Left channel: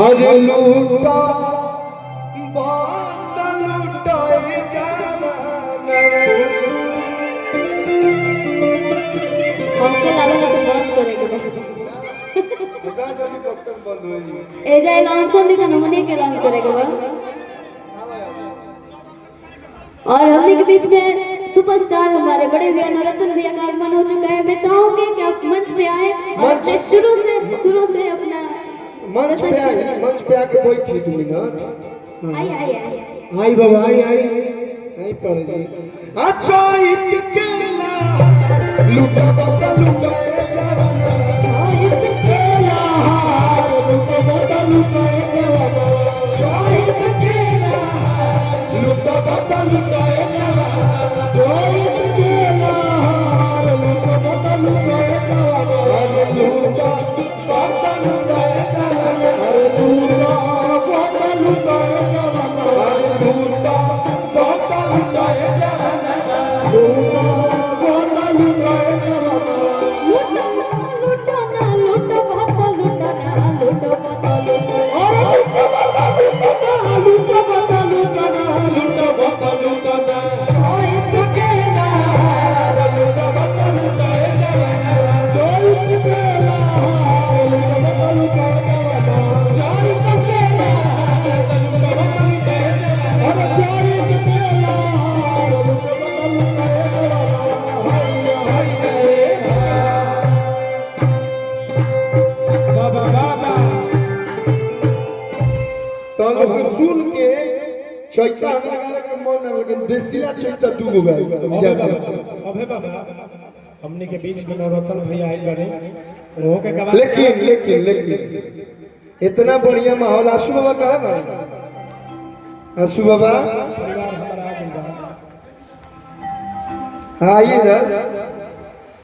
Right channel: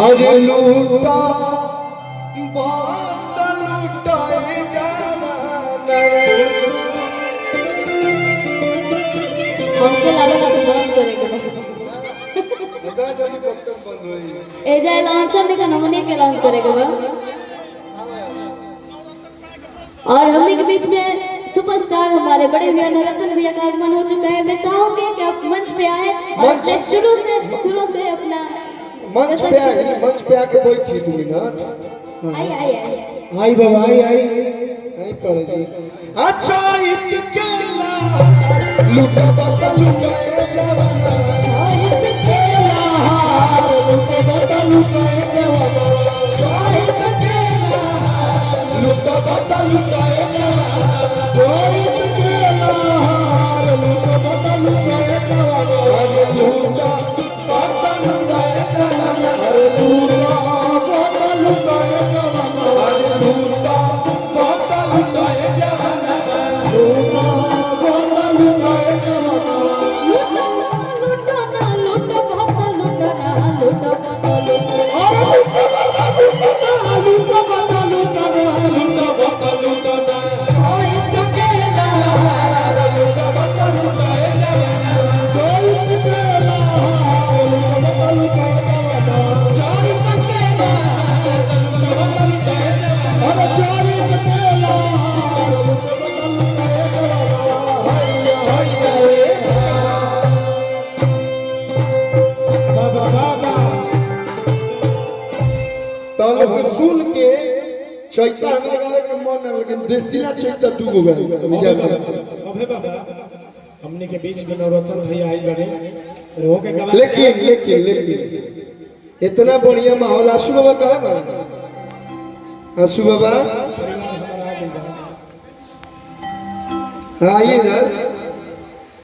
हर लूटा बादल लुटाए जाना हमके लागल है बंद करेंगे इतना जल्दी बक्सर बंद होई ए जाए लांचर नहीं का नमूने के लॉन्च करेगा बा और हमने के बीच में सुपरस्टार हमारे बड़े भैया नवरत्न भैया का आगमन हो चुका है। मैं चाहूंगी कि आप मंच पे आए और शुरू से अपना मंच पे आके बैठी 2 मिनट आई आई आई आई बाबा आई नहीं पड़े जी अच्छा इतकेला लुटा बता लुटाए जवाना शायद केला लुटा बता लुटाए जवाना शायद केला लुटा बता लुटाए जवाना शायद केला लुटा बता लुटाए जवाना लुटा बता लुटाए जवाना लुटा बता लुटाए जवाना लुटा बता लुटाए जवाना लुटा बता लुटाए जवाना लूटो ना लूटो भाता लूटो ना लूटो भाता लूटो सुन के चैता हमरा गावे के मन न लेकिन देसीला चैता 2 गो गाय अबे बाबा हमने के बीच में नवरत्न भैया आई बने वो के गवा लेकिन इतना बढ़िया माहौल आशु बाबा कहां भाई आशु बाबा परिवार हमारा आ गइल बा आइए इधर